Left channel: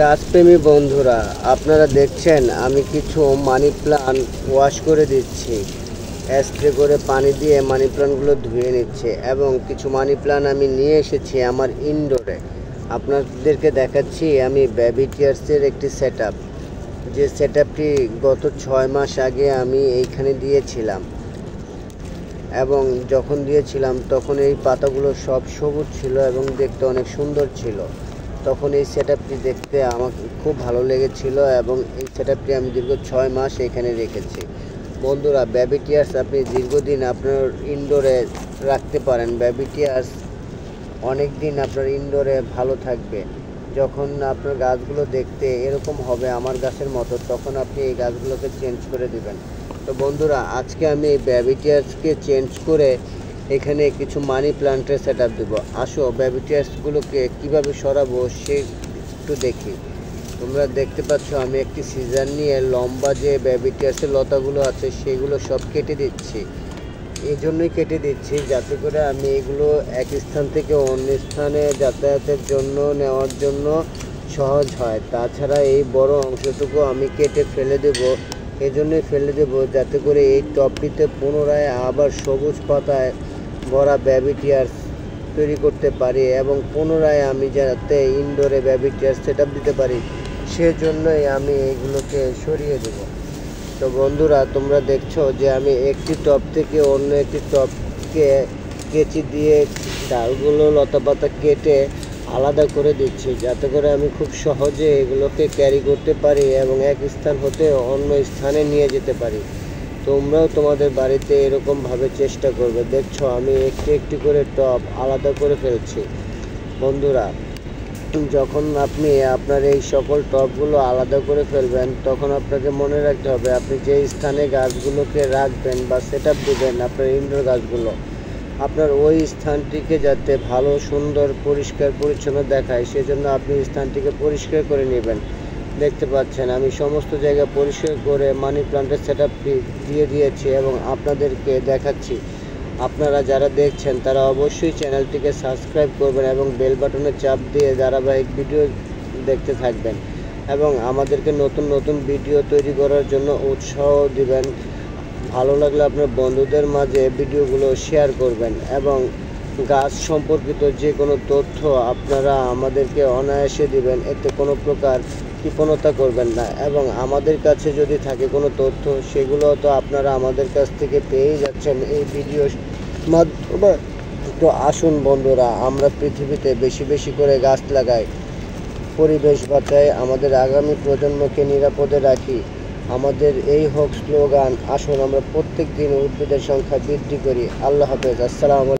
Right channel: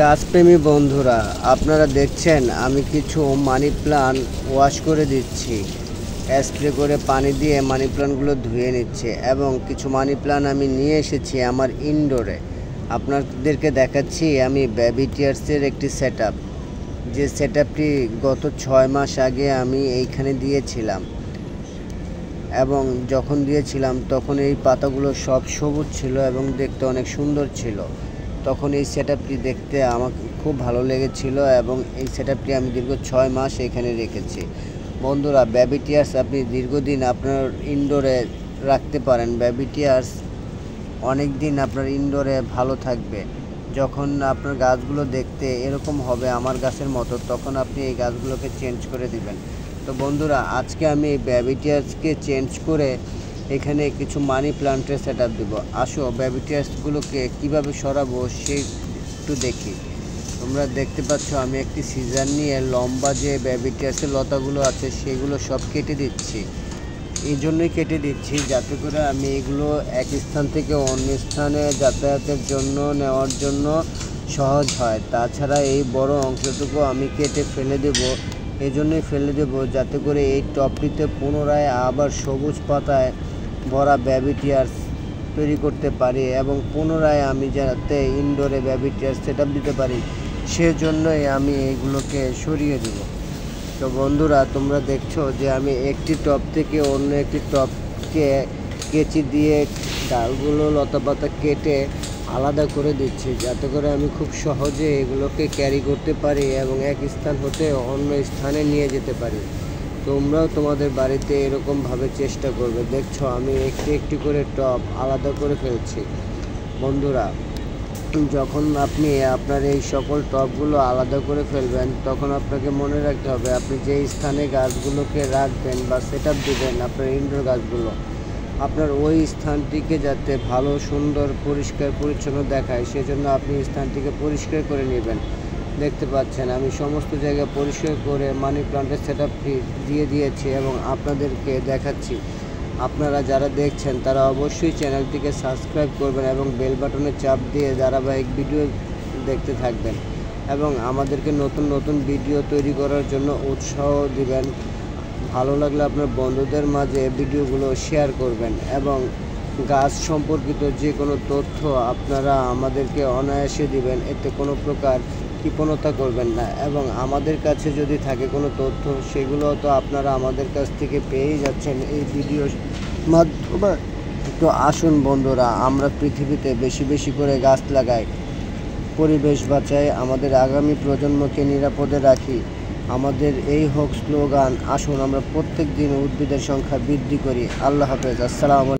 গাছপ্রেমী বন্ধুরা, আপনারা দেখছেন আমি কিছু মানি প্লান্ট ওয়াশ করে দিচ্ছি। স্প্রে করে পানি দিয়ে মানি প্লান্টগুলো ধুয়ে নিচ্ছে এবং কিছু মানি প্লান্ট আমি নিয়ে এসেছি আমার ইনডোরে। আপনাদেরকে দেখাচ্ছি আমি বেবি টিয়ার্সের একটি সেটআপ, যে সেটআপটি গত 6 মাস আগে আমি এইখানে দিয়েছিলাম এবং যখন দিয়েছিলাম তখন এই পাতাগুলো সব সবুজ ছিল এবং দেখতে অনেক সুন্দর ছিল। তখন এই সেটআপটি দেখতে আমাকে খুব ভালো লেগেছিল এবং এই সেটআপটি আমি দীর্ঘ 6 মাস এখানে রেখেছি। বন্ধুরা, বেবি টিয়ার্স আপনি দীর্ঘদিন আপনার ইনডোরে রাখতে পারেন। বেবি টিয়ার্স অনেক দিন আপনার ইনডোরে ভালো থাকবে। যখন আপনার গাছগুলো দেখতে এরকম হবে আমার গাছের মতো, তখন আপনি এই গাছগুলোকে চেঞ্জ করে দিবেন। তো বন্ধুরা, আজকে আমি এই বেবি টিয়ার্সকে চেঞ্জ করে এখানে কিছু মানি প্লান্টের সেটআপ দেবো। আসো বেবি টিয়ার্সগুলোকে কীভাবে সরাবো সে একটু দেখি। তোমরা দেখতে পাচ্ছ আমি একটি সিজার নিয়ে লম্বা যে বেবি টিয়ার্সের লতাগুলো আছে সেগুলো সব কেটে দিচ্ছি। এই জন্যই কেটে দিচ্ছি যাতে করে আমি এগুলো এক স্থান থেকে অন্য স্থানে যাতায়াতের জন্য নেওয়ার জন্য সহজ হয়। তাছাড়া এই বড় অংশটুকু আমি কেটে ফেলে দেব। এজন্যই ফেলে দেব যাতে করে এই টবটিতে পুনরায় আবার সবুজ পাতায় ভরা বেবি টিয়ার্স তৈরি করতে পারি এবং পুনরায় আমি যাতে ইনডোরে বেবি টিয়ার্স সেটআপ দিতে পারি, সেজন্যই আমি এইগুলোকে সরিয়ে দেব। তো বন্ধুরা, তোমরা দেখছো যে আমি একটি টব থেকে অন্য একটি টবকে কেচি দিয়ে ডালগুলো লতাপাতা কেটে আলাদা করে দিচ্ছি যাতে করে আমি খুব সহজে এগুলোকে ক্যারি করতে পারি এবং এক স্থান হতে অন্য স্থানে নিয়ে যেতে পারি। তোমরাও তোমাদের বাড়িতে এরকমভাবে চেষ্টা করবে। দেখছো আমি একটি একটি করে টব আলাদা করে ফেলছি। বন্ধুরা, যখন আপনি আপনার এই সকল টবগুলো আলাদা করে ফেলবেন তখন আপনাকে মনে রাখতে হবে আপনি যে স্থানে গাছগুলোকে রাখবেন বা সেটআপ দেবেন আপনার ইনডোর গাছগুলো, আপনার ওই স্থানটিকে যাতে ভালো সুন্দর পরিষ্কার পরিচ্ছন্ন দেখায় সেজন্য আপনি স্থানটিকে পরিষ্কার করে নেবেন। দেখতে পাচ্ছেন আমি সমস্ত জায়গা পরিষ্কার করে মানি প্লান্টের সেটআপটি দিয়ে দিয়েছি এবং আপনাদেরকে দেখাচ্ছি। আপনারা যারা দেখছেন তারা অবশ্যই চ্যানেলটিকে সাবস্ক্রাইব করবেন এবং বেল বাটনে চাপ দিয়ে ধারাবাহিক ভিডিও দেখতে থাকবেন এবং আমাদেরকে নতুন নতুন ভিডিও তৈরি করার জন্য উৎসাহ দিবেন। ভালো লাগলে আপনার বন্ধুদের মাঝে ভিডিওগুলো শেয়ার করবেন এবং গাছ সম্পর্কিত যে কোনো তথ্য আপনারা আমাদেরকে অনায়াসে দিবেন, এতে কোনো প্রকার কৃপণতা করবেন না এবং আমাদের কাছে যদি থাকে কোনো তথ্য সেগুলো তো আপনারা আমাদের কাছ থেকে পেয়েই যাচ্ছেন এই ভিডিওর মাধ্যমে। তো আসুন বন্ধুরা, আমরা পৃথিবীতে বেশি বেশি করে গাছ লাগাই, পরিবেশ বাঁচাই, আমাদের আগামী প্রজন্মকে নিরাপদে রাখি। আমাদের এই হোক স্লোগান, আসুন আমরা প্রত্যেক দিন উদ্ভিদের সংখ্যা বৃদ্ধি করি। আল্লাহ হাফেজ। আসসালামু আলাইকুম।